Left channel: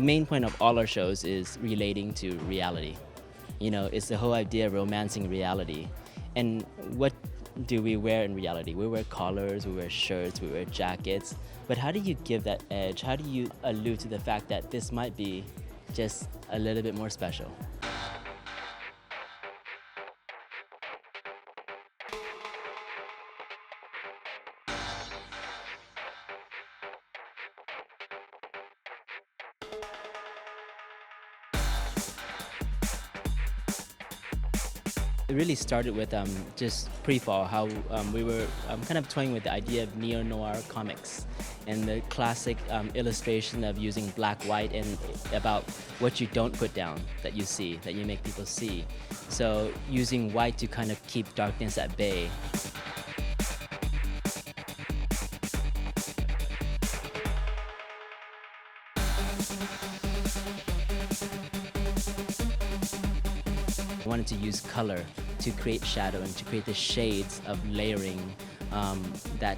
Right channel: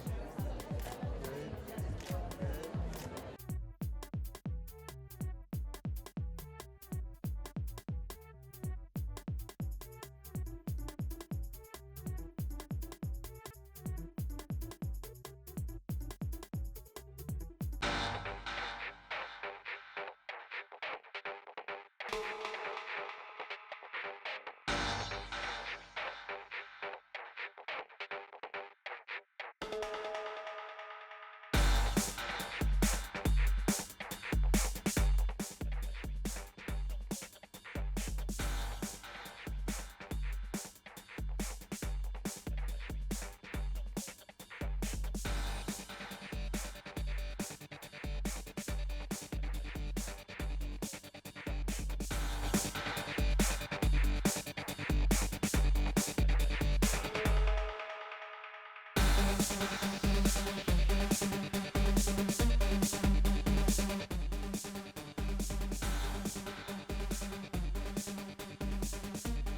The main point of all our shows is relating to reality. You know, it's the whole idea of romancing reality. And what do we wear in reality? We wear collars, we wear shirts, we wear jackets. But how do you give that edge? How do you allude to the fact that this might be just a little bit more special? It really started with just pre-fall, how we were kind of toying with the idea of neo-noir comics and the classic illustration of using black, white, and about what you don't put down that you see, that you make people see. So using white to kind of keep darkness at bay. I wanted to use color to create shadow and to create the shades of layering that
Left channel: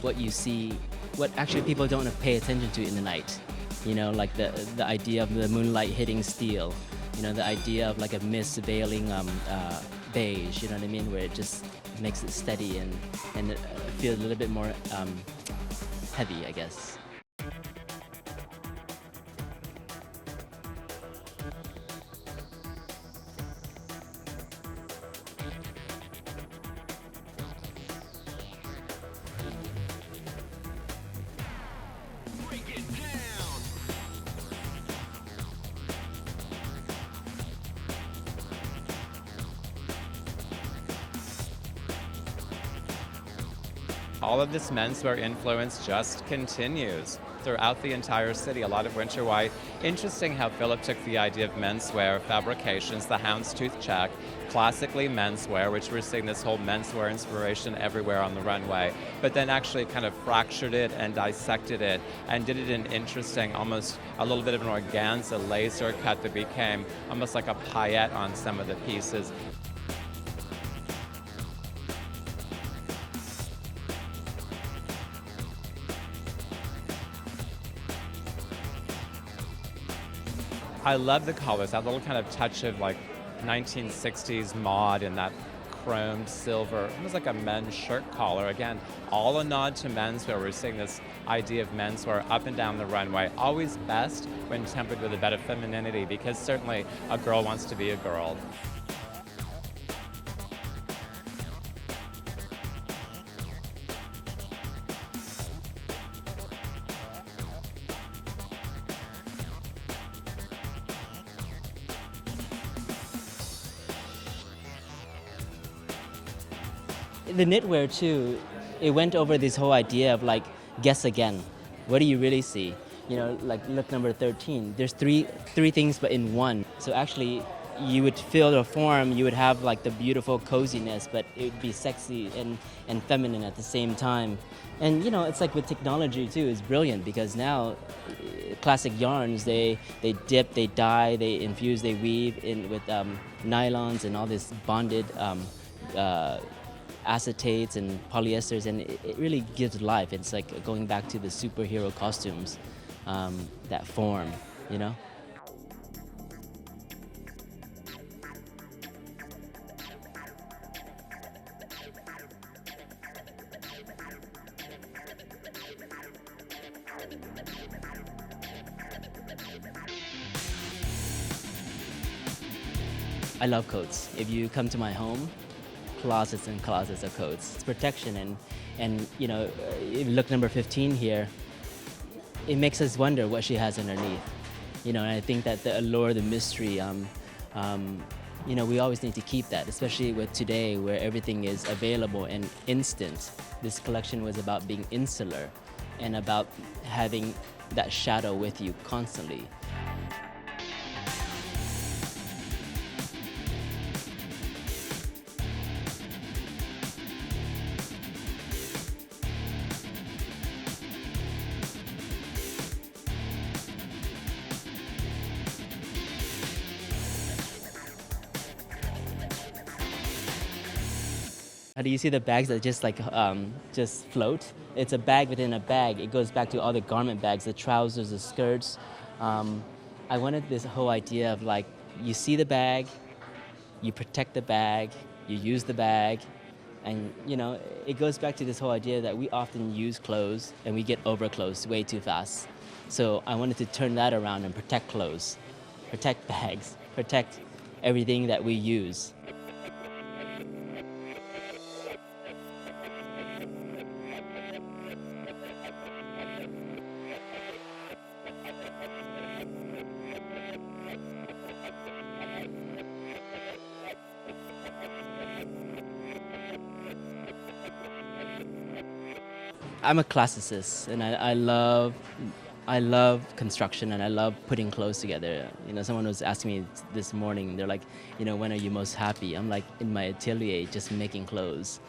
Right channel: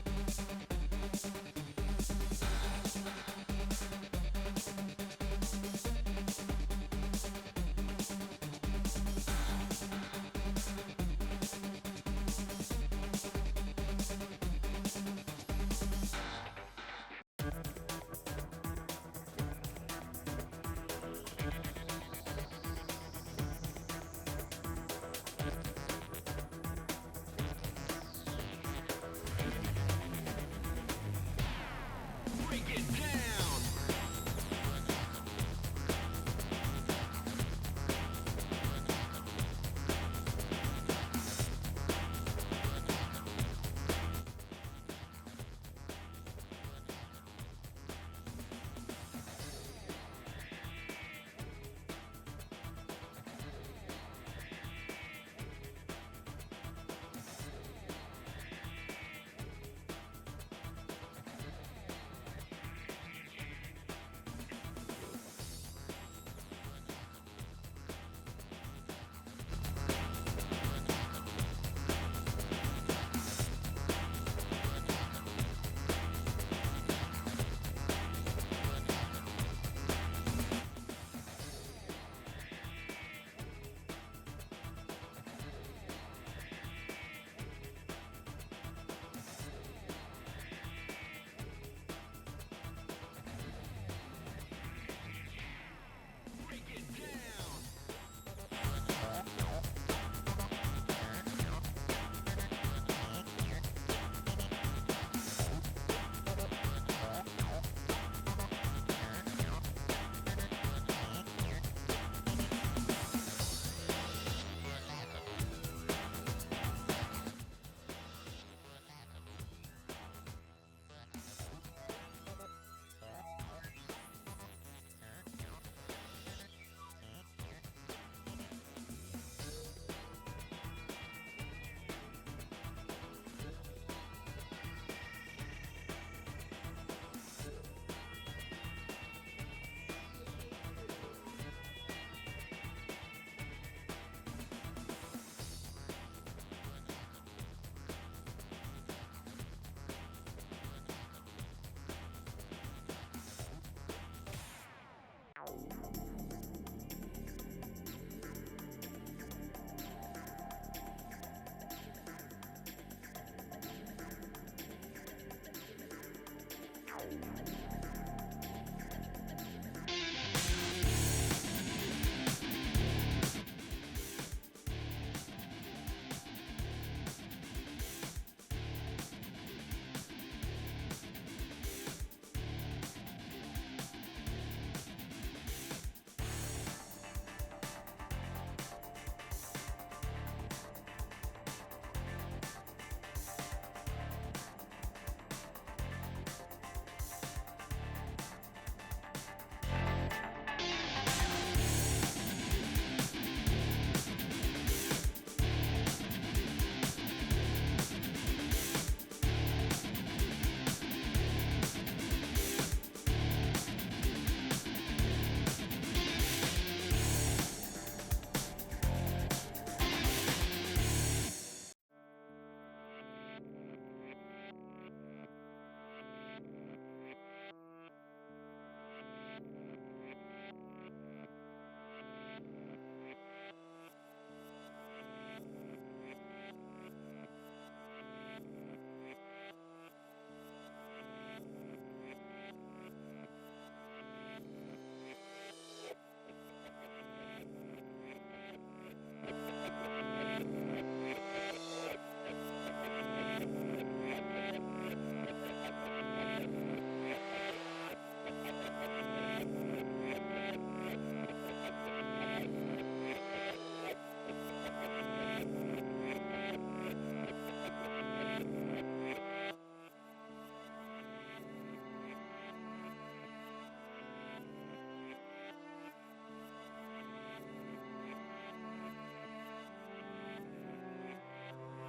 what you see, what actually people don't pay attention to in the night. You know, like the idea of the moonlight hitting steel. You know, the idea of like a mist veiling beige. You know what I mean? Where it just makes it steady and it feels a little bit more heavy, I guess. All of this menswear influence just continues throughout the entire city. A lot of winter white. Interesting how Phillip took the idea of menswear fabrications, the houndstooth check, classically menswear, which we're seeing this whole menswear inspiration everywhere on the runway, but then actually kind of fractured it and dissected it and did it in interesting, almost a little bit of an organza laser cut that became almost like a paillette on some of the pieces. I love the colors, that little kind of touch of like 1960s mod and that chromed silver, almost like a men's shirt collar. Again, all a nod to menswear. We're seeing this idea of menswear up and down the runway, always best when tempered with a bit of femininity, because certainly a girl wants to be a girl. The knitwear too, it went over this whole idea of like, guess again. What do you really see? You know, like look number 13. There's three things but in one. So actually, you would feel the form, you would have like the beautiful coziness, but it would be sexy and feminine at the same time. And you know, it's like with technology too, it's brilliant because now classic yarns, they dip, they dye, they infuse, they weave in with nylons and all this bonded acetates and polyesters, and it really gives life. It's like going back to the superhero costumes, that form, you know? I love coats. If you come to my home, closets and closets of coats. It's protection and you know, look number 15 here, it makes us wonder what she has underneath. You know, and I think that the allure, the mystery, you know, we always need to keep that, especially with today where everything is available and instant. This collection was about being insular and about having that shadow with you constantly. Do you see the bags that just float? It's a bag within a bag. It goes back to all the garment bags, the trousers, the skirts, Um, I wanted this whole idea of like, you see the bag, you protect the bag, you use the bag, and it goes back to this whole idea that we often use clothes and we get over clothes way too fast. So I wanted to turn that around and protect clothes, protect bags, protect everything that we use. I'm a classicist, and I love construction, and I love putting clothes together. Someone was asking me this morning. They're like, when are you most happy? I'm like, in my atelier, just making clothes.